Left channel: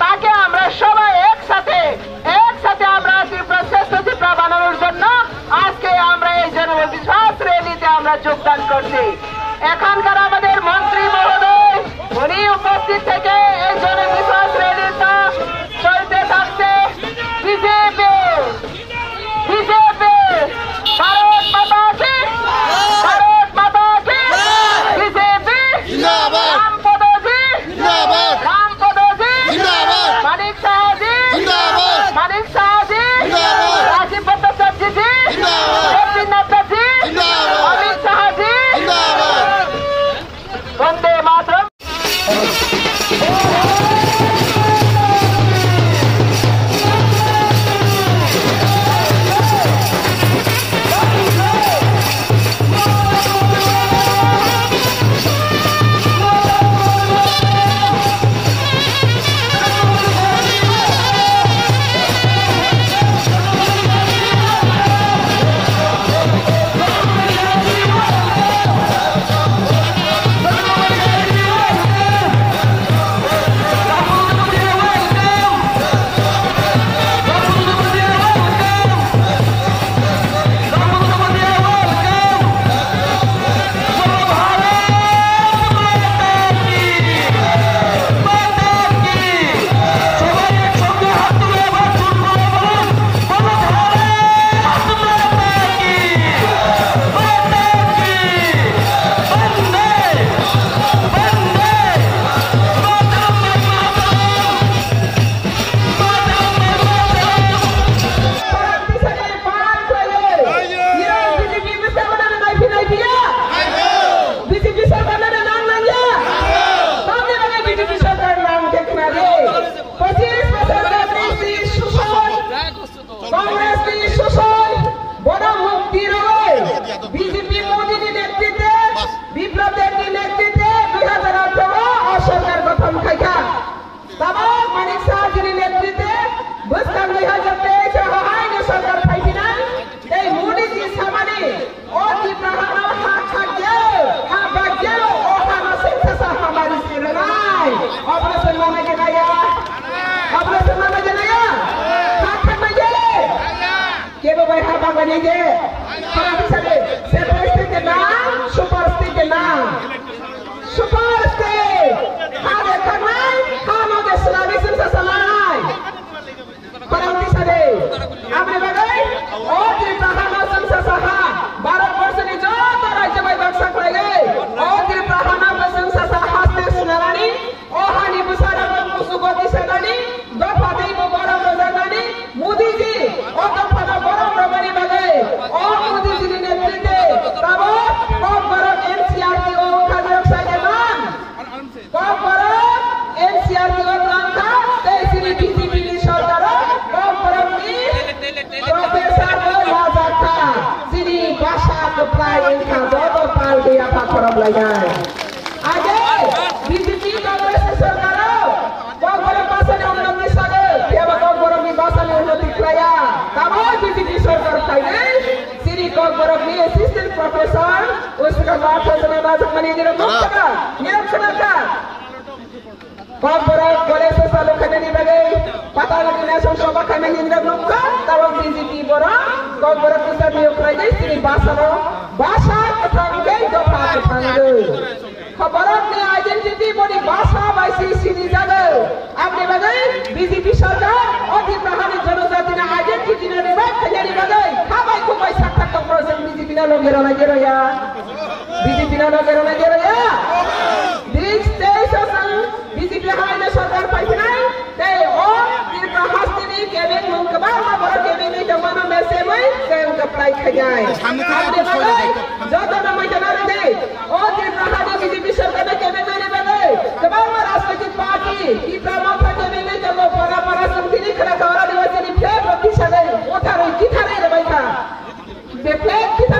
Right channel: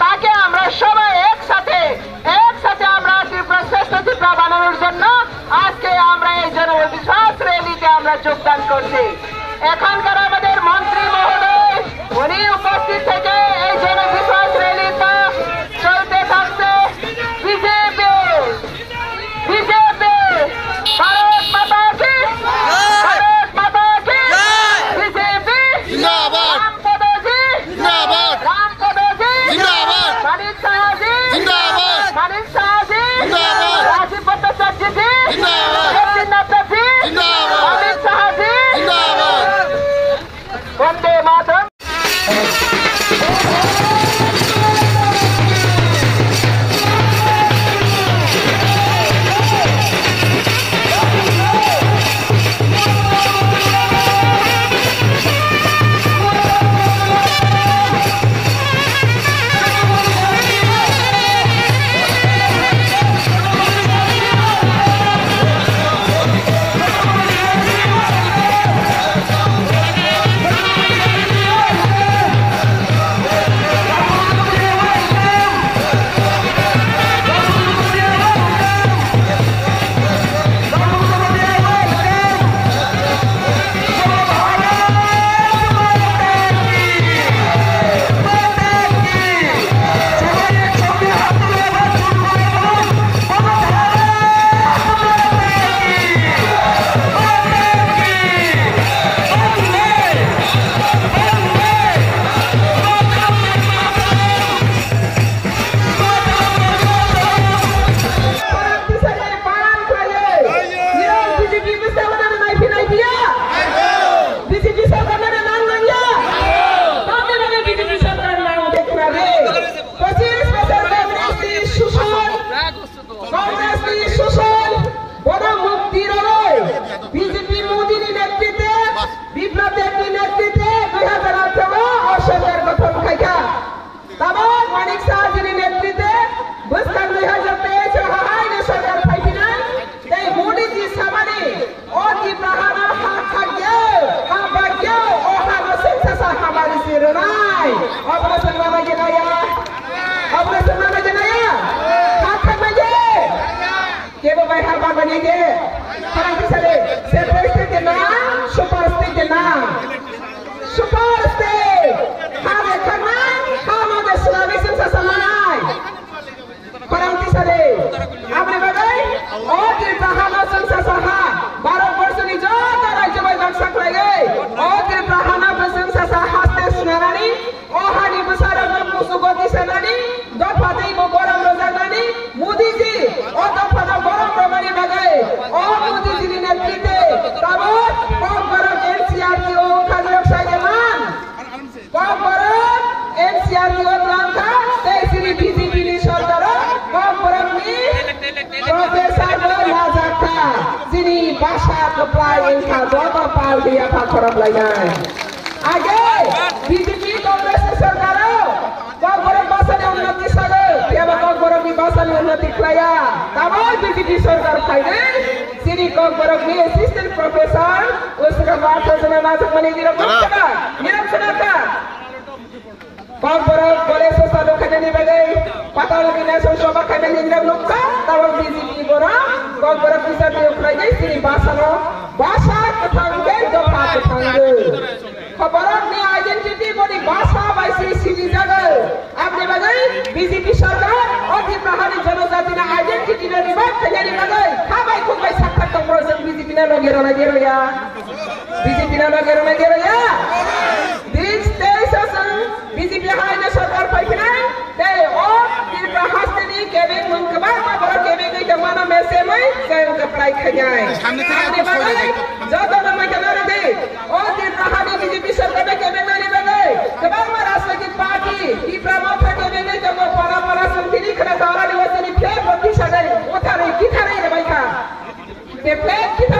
তাকে আমরা সবাই একসাথে আমরা ত্রিপুরা শ্রেষ্ঠ ত্রিপুরা বানানোর জন্য আজকে আমরা এই জনবিশ্বাস র্যালিতে আমরা যোগদান করছি। এখানকার আমাদের মন্ত্রী মহোদয় উনি উপস্থিত থেকে এই জনবিশ্বাস র্যালিটা চলতে থাকছে। বিজেপি ভারত মাতা কি, ভারত মাতা কি, বিজেপি মানিক শাহজি, মানিক শাহজি, রাজীব ভট্টাচার্যজি, জগদীপ নাথজি, অমিত শাহজি, বন্দে মাতরম। বিজেপি সরকার অতি প্রহারী জনজাতি না আইডেন্টিটি না রিভাইভ খাইয়ারি বাদে খাবাই খুবাই সাক্ষাৎ করেছেন বিজেপি না লগের না গেরয়া বিজেপি না লগের না গেরয়া बाइक खजाए आपने बागै जब nama kenal deh oh di Prahadi BJP सरकार में केमेंगे बागै कबांग राजनीतिक पार्टी di Pramotha केमेंगे जब para sendiri kena orang dewasa ni fake बत्ती सडे उठारे किथारे रे बाइका फेक किथा